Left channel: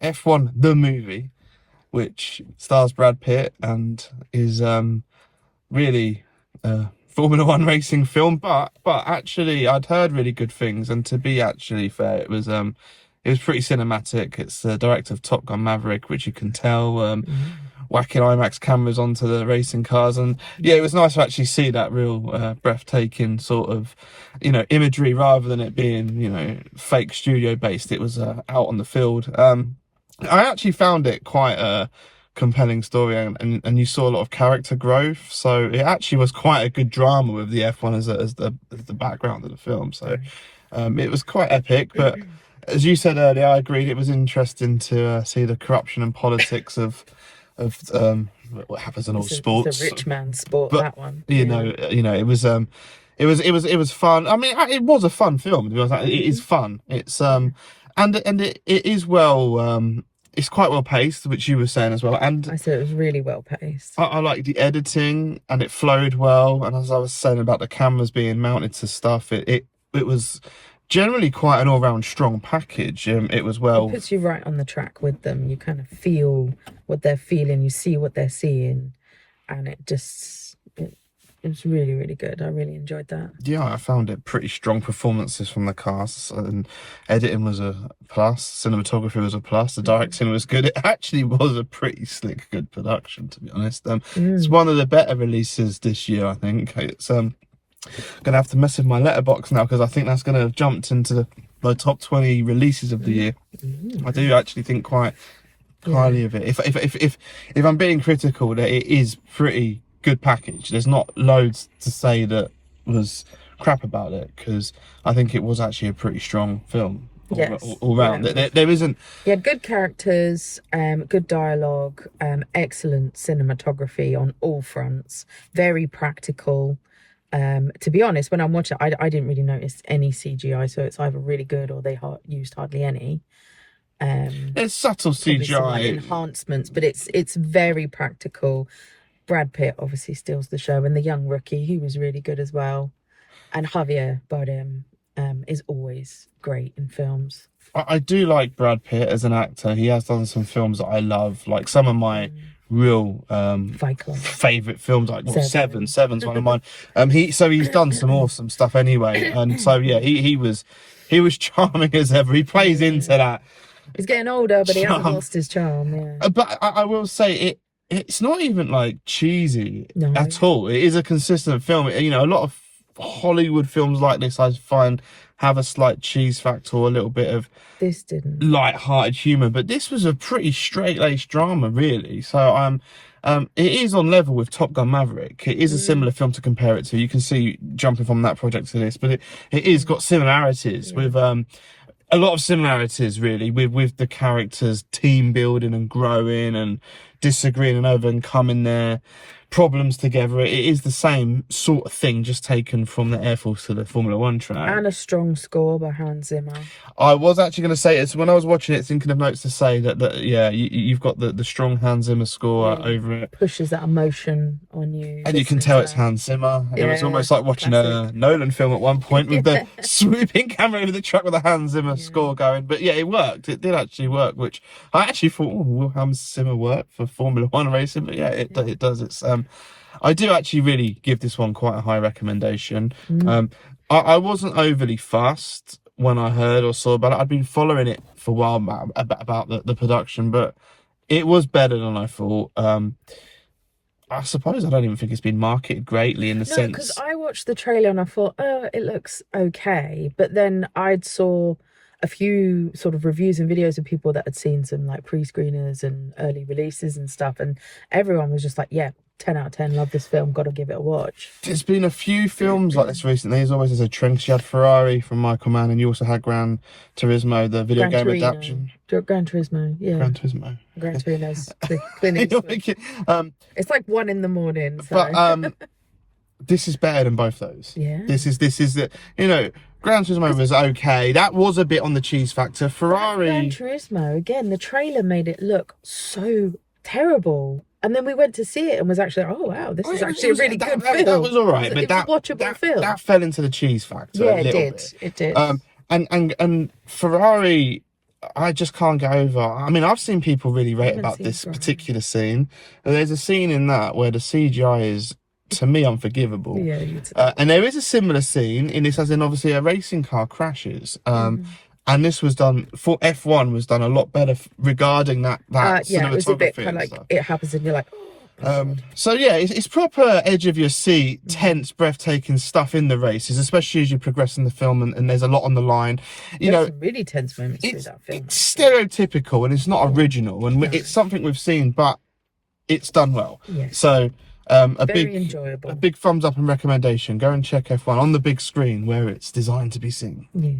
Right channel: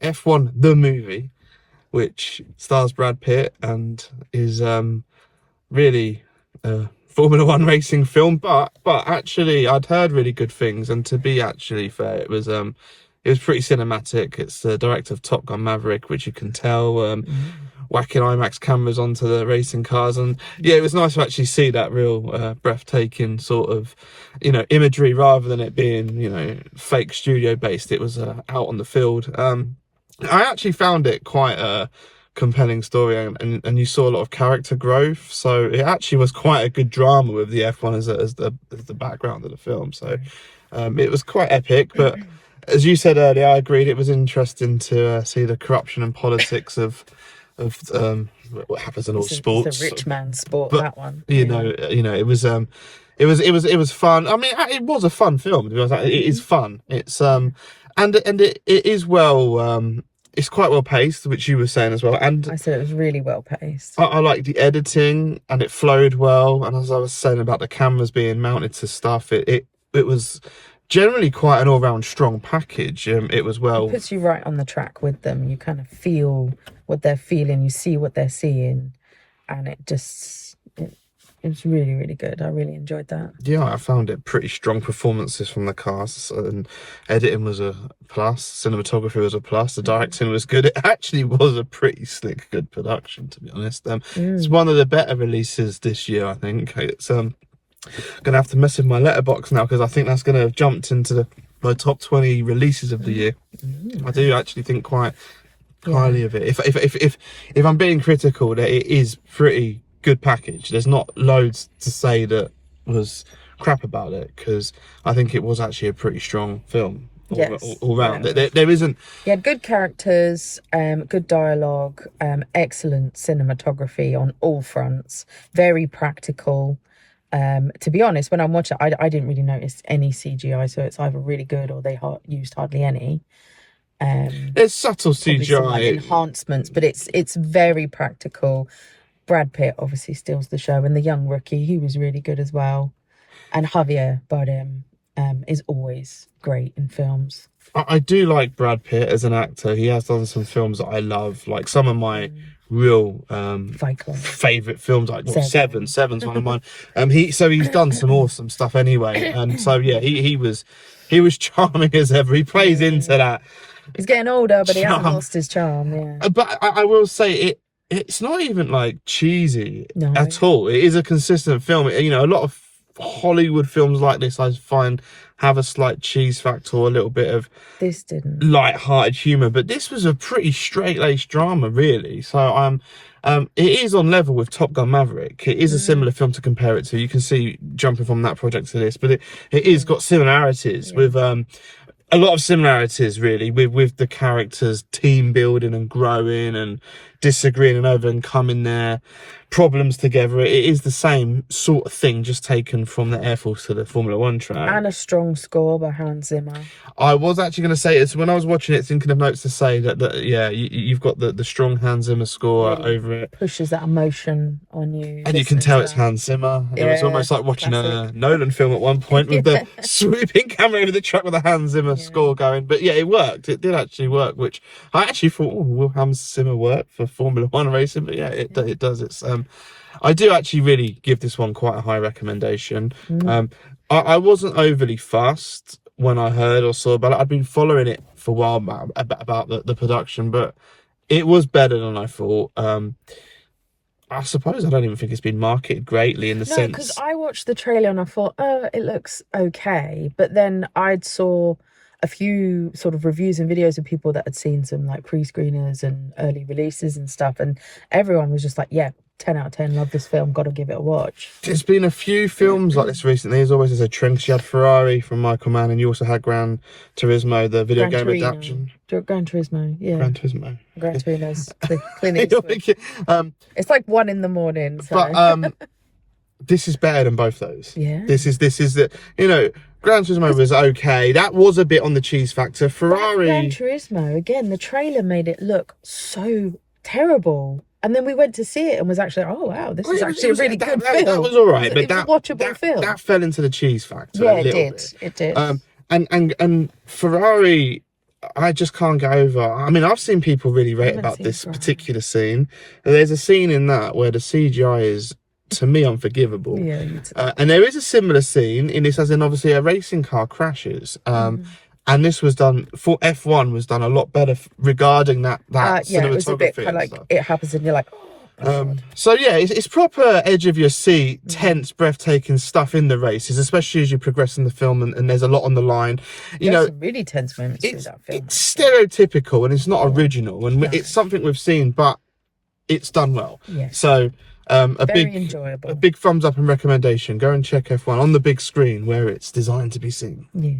F1 the movie, which stars Brad Pitt and is really Formula One racing film. But actually, I'd heard really good things, and to be actually fair, it was pretty cinematic. It's the director of Top Gun Maverick, which you can tell, whacking IMAX cameras onto the racing cars, and yeah, it was nice to actually see that real breathtaking sort of, imagery rather than it being, fake studio based. It was out on the field. I actually found it quite a compelling story, and you saw a lot of character growth. So it actually was quite a good drama with the F1 as the background of the film. So it was quite epic. But as you said earlier, I agreed. It was interesting to see the corruption and politics of what happens in all sports. It's a rich man's sport. But, that one. It was fun. I mean, it was a fun film. It is fun. It's and it is well. It's quite well paced, which you were saying as well. And I said it was really well paced. I like the editing, and it flowed well. And as I was saying about the cameras being mounted to stuff, it was generally quite an all round strong package. It was well. It puts you right on the track with them. You kind of feel what they're feeling. You see what they're seeing, and it's really, really good. I really enjoyed that. Yeah, I found it pretty strong performances from the cast, and editing was a plus, cinematography was a plus, the directing was good. It actually was a pretty slick, good production, to be honest. It's one of the better releases this year, I think. It's gonna have to mess with my letterbox now, because I think that's gonna have jumped into my top 20 releases of the year. I do actually think quite highly of it. If I'm being critical, that it is pretty good package. There's not loads to say that was crap about it, because I think it was actually a pretty strong film all round. There isn't. Yeah, good characters, good dialogue, excellent cinematography on all fronts, very practical. To be honest, when I'm watching it, I didn't really notice any CGI, so it's either really good or they used hardly any. There's subtle CGI enhancements, but it's very practical. Brad Pitt obviously steals the show, and the young rookie, he was really good as well. And Javier Bardem is always great in films. I do like Brad Pitt as an actor. He has done some films that I love, like some of my real favourite films, like Seven's one of mine. He's done some awesome stuff anyway, and so yeah, he was charming as ever. He plays into that. He's getting older, but he hasn't lost his charm. Yeah, but I will say it's not even like cheesy at all. It is a consistent film. A lot of Hollywood films like this, I find, have a slight cheese factor or a little bit of light-hearted humour, but this was a pretty straight-laced drama, really. So it is on level with Top Gun Maverick. It is a similar film to compare it to. You can see jumping from that project to this, but it is got similarities with a lot of similarities, really, with the characters, team building and growing and disagreeing and overcoming their problems together. It is the same sort of thing, just taken from the Air Force to the Formula One track. And a strong score by Hans Zimmer. I was actually going to say, it's when I was watching it, thinking of notes to say that you've got the strong Hans Zimmer score over it. Pushes that emotion on you. And you can tell it's Hans Zimmer. It was almost like watching a Nolan film at one point with the swooping camera over the truck with a Hans Zimmer score going. But yeah, it worked. It did actually work, which I actually thought, will Hans Zimmer work for Formula One racing? But yeah, it does. It's I do actually really give this one quite a high recommendation. I wasn't overly fussed when I heard or saw about it. I'd been following it for a while about the production, but it was better than I thought. I suppose I don't even think it's been marketed greatly in the sense. Because I watched the trailer and I thought, it looks okay. But then I saw a few sort of reviews and videos of people that had seen some like pre-screeners and early releases and stuff. And everyone was just like, yeah, 10 out of 10, love this film, got to give it a watch. There's been a few films like this recently. There's always a trend. You had Ferrari from Michael Mann, and you also had Gran Turismo, the video game adaptation. Gran Turismo, yeah. Gran Turismo. Gran Turismo's it's like 1 a.m. So. But this is better than both those. Yeah. This is the, Gran Turismo was okay. That was a bit on the cheese factor. Ferrari. Gran Turismo, again, the trailer made it look so terrible. And then we went to see it and was actually, oh wow, this is actually a really good film. That was all right, but that watchable film. That fell into the cheese factor a little bit. It did. And Ferrari, I just can't get over. I mean, I've seen people really rate haven't about seen this Drive. particular scene. There's a scene in that where the CGI is, to me, unforgivable. Yeah, me too. And there is a similar scene in this, as in obviously a racing car crashes. And this was done for F1 was done a lot better regarding that Yeah, it was a bit cinematography kind of and like stuff. it happens and you're like, So yeah, it's proper edge of your seat, tense, breathtaking stuff in the races, especially as you progress in the film, and there's a lot on the line. You there's know, some really tense moments through it's that film. it's stereotypical and it's not original, and No. it's something we've seen, but it's done well. Yes. So a Very enjoyable. big thumbs up and recommendation. Go and check F1 on the big screen where it's designed to be seen. Yeah.